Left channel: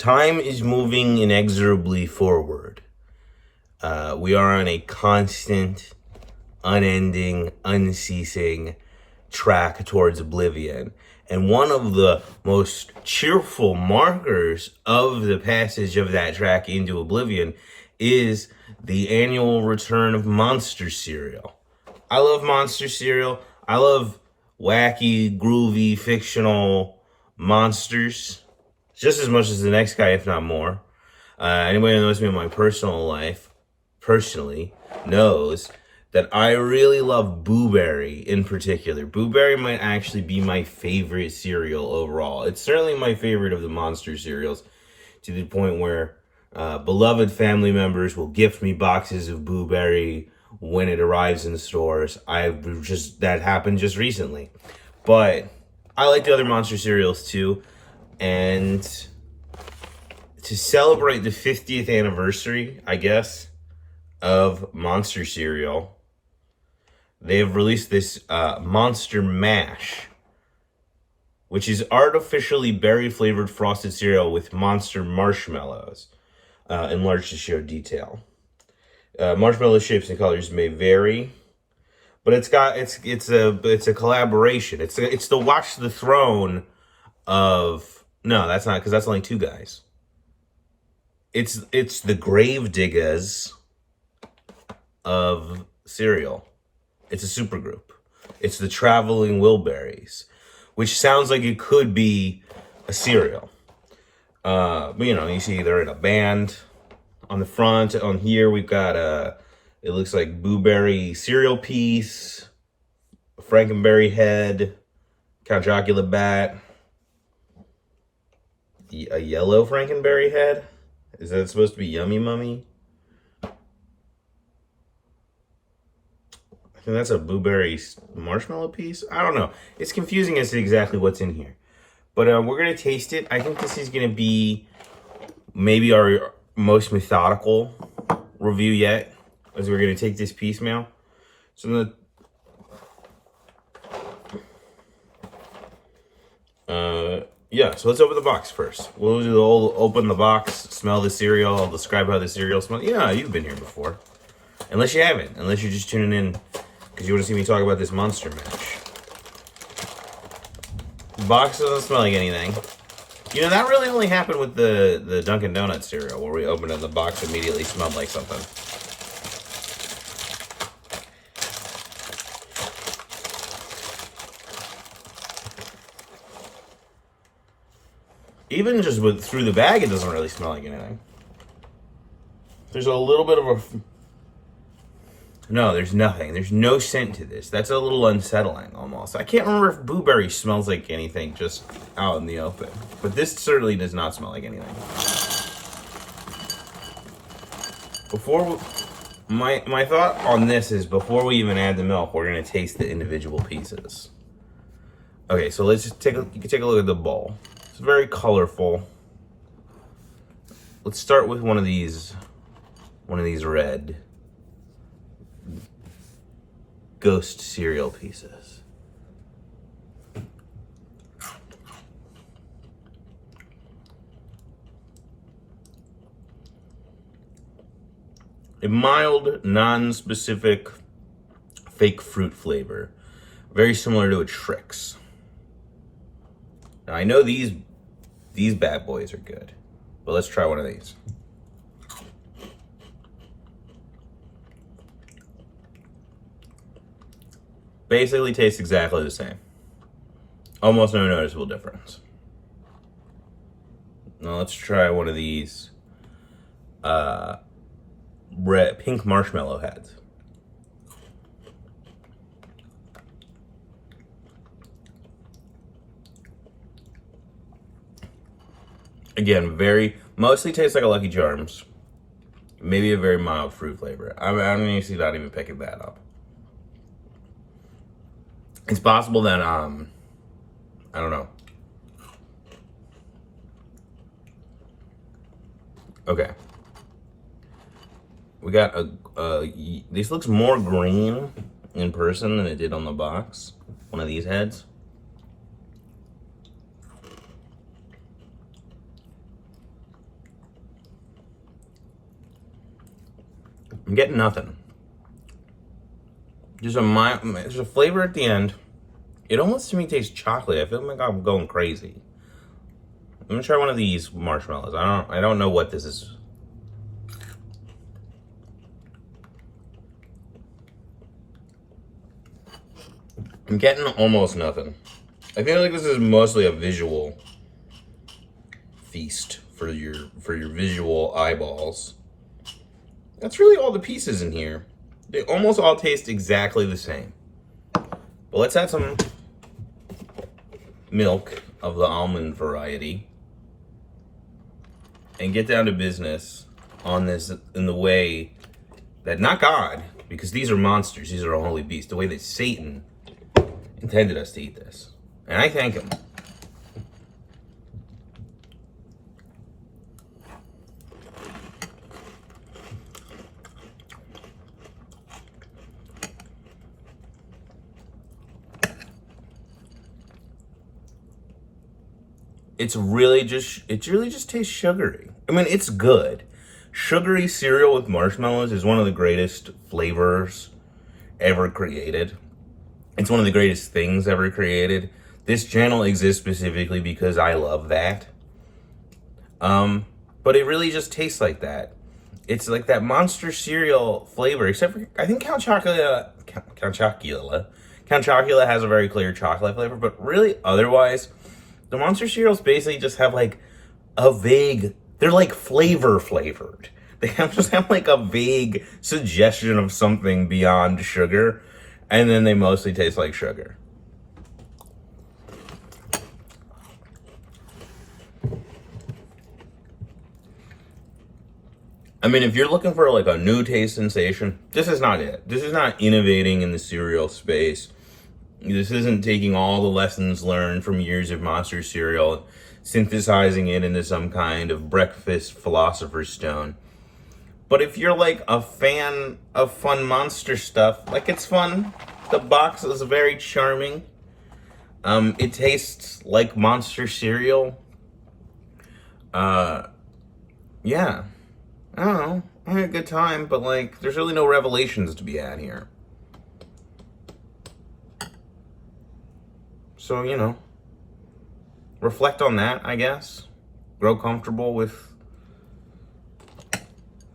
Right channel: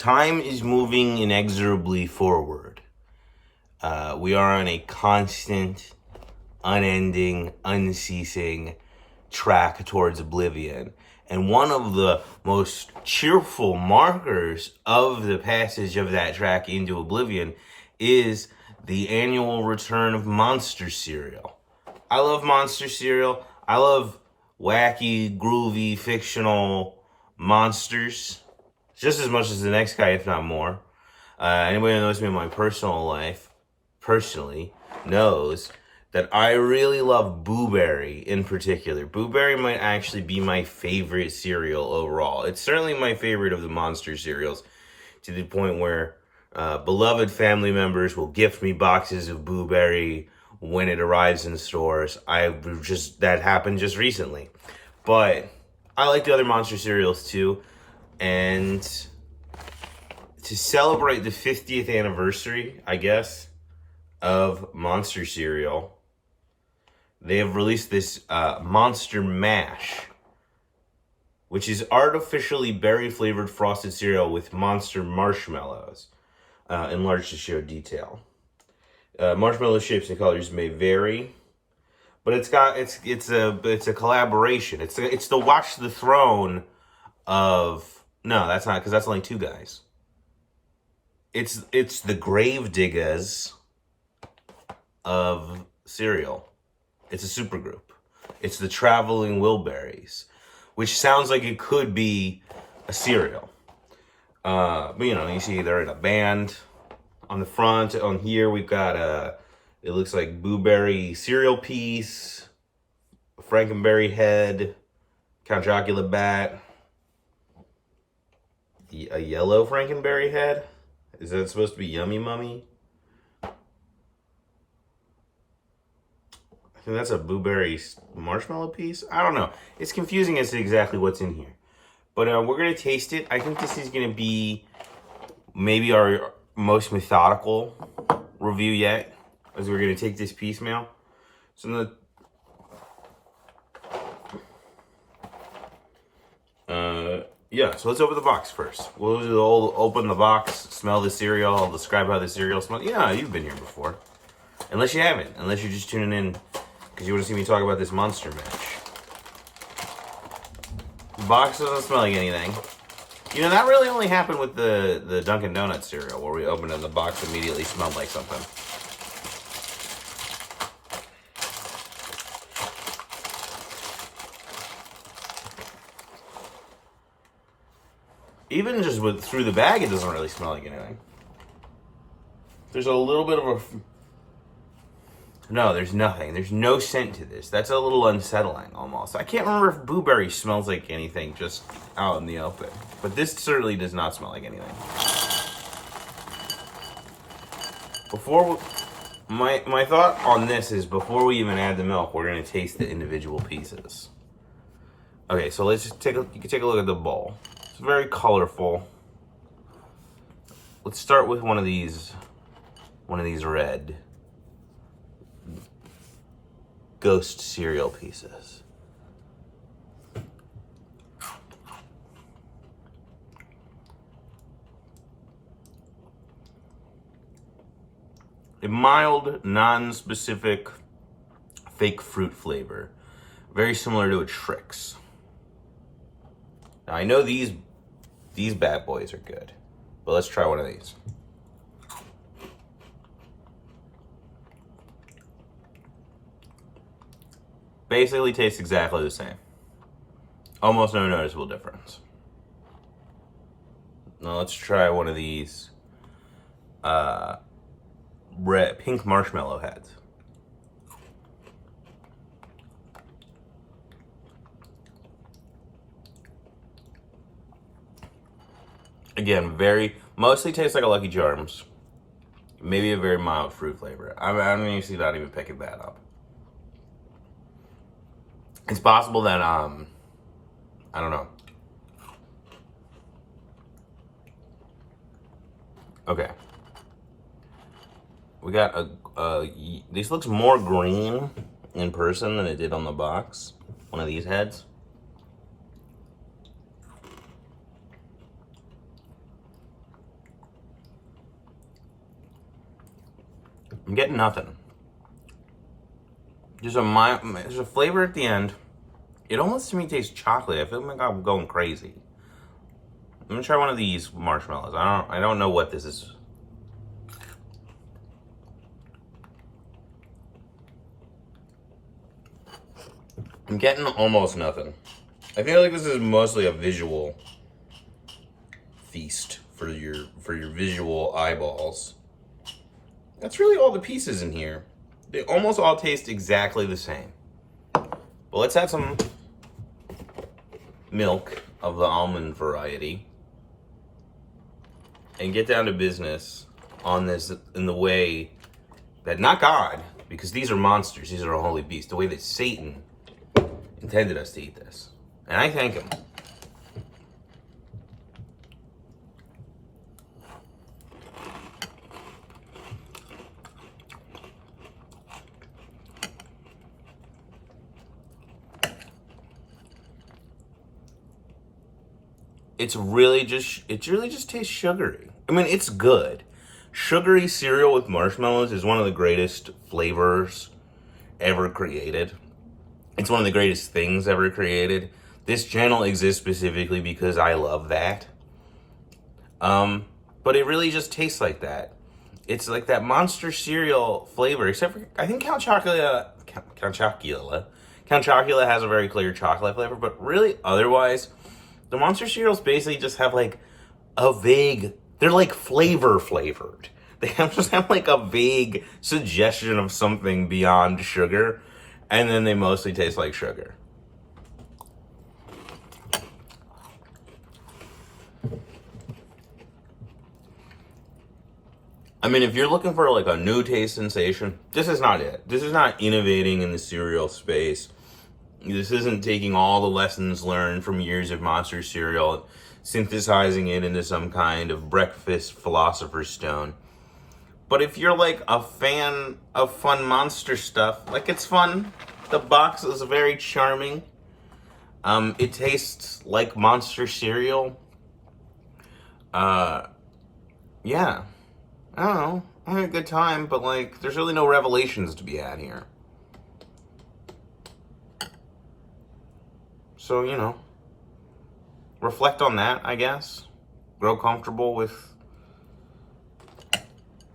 Time is moving inexorably forward. We are on a constant, unending, unceasing track towards oblivion. And one of the most cheerful markers of the passage of that track into oblivion is the annual return of monster cereal. I love monster cereal. I love wacky, groovy, fictional monsters just as much as the next guy, if not more. Anybody who knows me in my personal life, personally, knows that I really love Boo Berry in particular. Boo Berry might actually be my favorite cereal overall. It's certainly my favorite of the monster cereals, to the point where beloved family members will gift me boxes of Boo Berry when it arrives in the stores. That happened just recently. But I like the other monster cereals too. And to celebrate the 50th anniversary, I guess, of Monster Cereal, they have released this Monster Mash, which is artificially berry-flavored frosted cereal with monster marshmallows, enlarged to show detail. Marshmallow shapes and colors may vary, but it's a collaboration. It's the Watch the Throne of... No, that's not, because that's only two guys. It's the Grave Diggers of cereal. It's a supergroup. It's the Traveling Wilburys, which sounds like it could be a cereal. But you see they're in a band. On the front, on here, we've got it looks like Boo Berry cereal piece, Frankenberry head, Count Chocula bat, a yellow Frankenberry head. Is that supposed to be Yummy Mummy? I think that's a Boo Berry marshmallow piece. I don't know. It's confusing as to exactly what's in here. But we're going to taste it. I think this is going to be maybe our most methodical review yet, as we're going to take this piecemeal. So so let's open the box first. We'll do the whole open the box, smell the cereal. I'll describe how the cereal smells. Yeah, you've been here before. Unless you haven't. Unless you're just tuning in because you want to see me talk about this Monster Mash. The box doesn't smell like anything. That really only happened with the Dunkin' Donuts cereal, where we opened it and the box immediately smelled like something. Even just through the bag, it doesn't really smell like anything. There's a little bit of a... No, there's nothing. There's no scent to this. That's a little unsettling, almost. I can't remember if Boo Berry smells like anything just out in the open. But this certainly does not smell like anything. My thought on this is, before we even add the milk, we're going to taste the individual pieces. Okay, so let's just you can take a look at the bowl. It's very colorful. Let's start with one of these red Ghost cereal pieces. A mild, non-specific fake fruit flavor, very similar to a Trix. Now I know these bad boys are good, but let's try one of these. Basically tastes exactly the same. Almost no noticeable difference. Now let's try one of these pink marshmallow heads. Again, mostly tastes like a Lucky Charms. Maybe a very mild fruit flavor. I don't even see that even picking that up. It's possible that, I don't know. Okay. We got this looks more green in person than it did on the box. One of these heads. I'm getting nothing. There's a flavor at the end. It almost to me tastes chocolate. I feel like I'm going crazy. I'm gonna try one of these marshmallows. I don't know what this is. I'm getting almost nothing. I feel like this is mostly a visual feast for your visual eyeballs. That's really all the pieces in here. They almost all taste exactly the same. But let's add some milk of the almond variety and get down to business on this in the way that, not God, because these are monsters, these are a holy beast, the way that Satan intended us to eat this. And I thank him. It really just tastes sugary. I mean, it's good. Sugary cereal with marshmallows is one of the greatest flavors ever created. It's one of the greatest things ever created. This channel exists specifically because I love that. But it really just tastes like that. It's like that monster cereal flavor, except for, I think Count Chocula has a very clear chocolate flavor, but really otherwise, the monster cereals basically just have like a vague, they're like flavored. They just have like a vague suggestion of something beyond sugar, and then they mostly taste like sugar. I mean, if you're looking for like a new taste sensation, this is not it. This is not innovating in the cereal space. This isn't taking all the lessons learned from years of monster cereal, synthesizing it into some kind of breakfast philosopher's stone. But if you're like a fan of fun monster stuff, like, it's fun. The box is very charming. It tastes like monster cereal. Yeah. I don't know. I had a good time, but like, there's really no revelations to be had here. So, you know, reflect on that, I guess. Grow comfortable with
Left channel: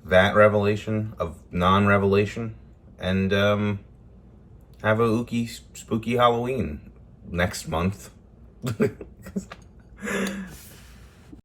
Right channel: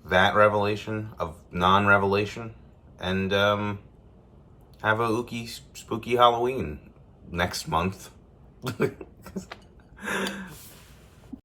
that revelation of non-revelation. And have a spooky Halloween next month.